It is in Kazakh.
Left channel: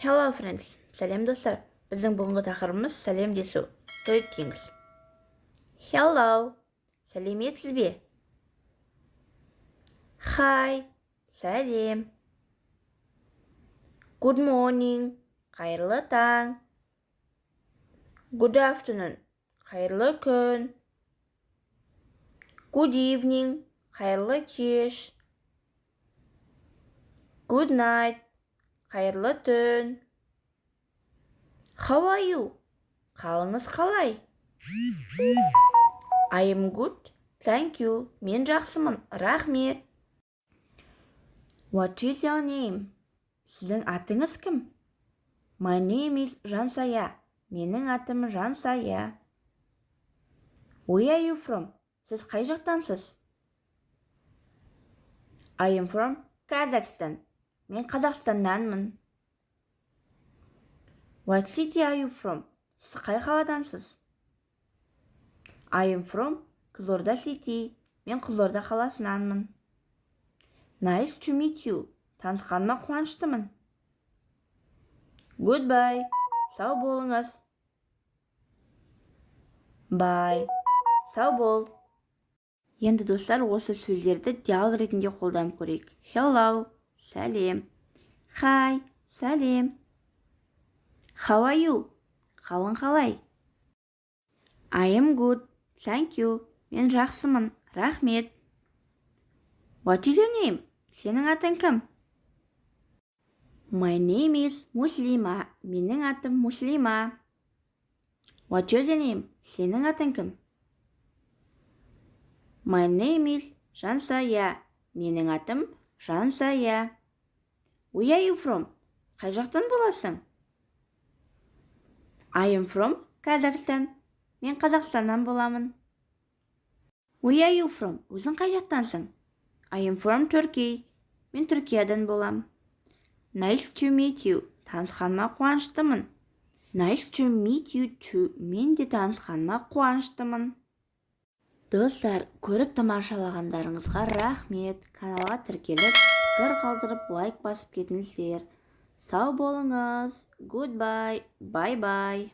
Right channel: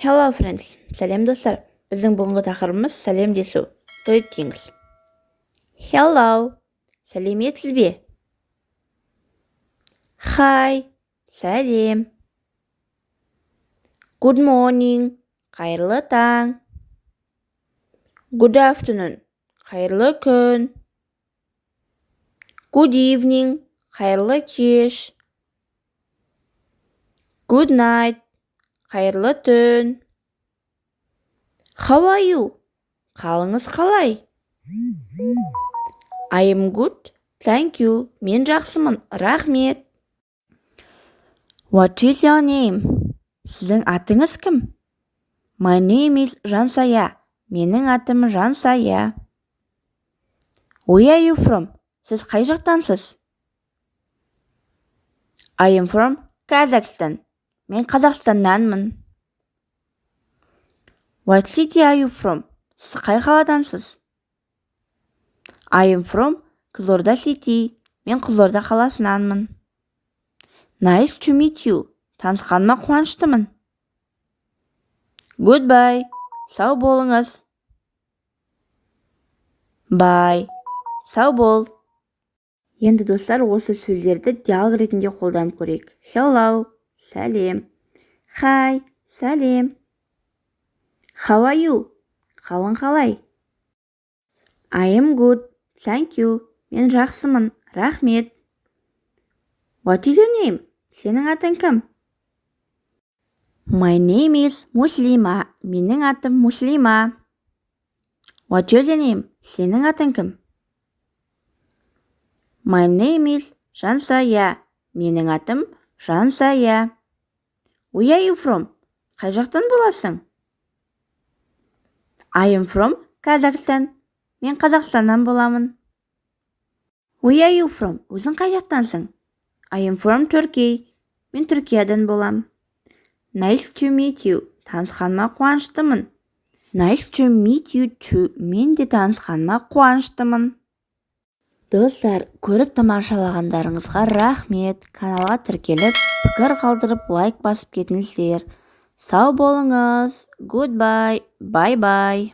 Hello friends, сәлем достар. Біздің бүгінгі тақырыбымыз сәлемдесу. Greetings. Hello, сәлеметсіз бе? Hi, сәлем. Good morning, қайырлы таң. Good afternoon, қайырлы күн. Good evening, қайырлы кеш. Good night, қайырлы түн. How are you? Қалыңыз қалай? I am good, thank you. Мен жақсымын, рахмет. What is your name? Сіздің атыңыз кім? My name is Жансая. Менің атым Жансая. Where are you from? Сіз қай жақтансыз? I am from Kazakhstan. Мен Қазақстаннанмын. What city are you from? Сіз қай қаладансыз? I am from Қызылорда city. Мен Қызылорда қаласынанмын. Nice to meet you. Танысқаныма қуаныштымын. Goodbye. Сау болыңыз. Bye. Сау бол. Енді достар, осы сөздерді диалог ретінде қолданып көрейік. Hello. Сәлем. Hi. Сәлем. How are you? Қалың қалай? I am good. Thank you. Мен жақсымын. Рахмет. What is your name? Сенің атың кім? My name is Muslima. Менің атым Muslima. What is your name? Сенің атың кім? My name is Жансая. Менің атым Жансая. Where are you from? Қай жақтан боласың? I am from Kazakhstan. Мен Қазақстаннан боламын. Where are you from? Өзің қай жақтансың? I am from Turkey. Мен Түркиядан болам. Nice to meet you. Танысқаныма қуаныштымын. Nice to meet you too. Мен де танысқаныма қуаныштымын. Достар, көріп тамашалағандарыңызға рахмет. Каналға тіркеліп, пікір қалдырып, лайк басып кетіңіздер. Сау болыңыз. Goodbye. Bye bye.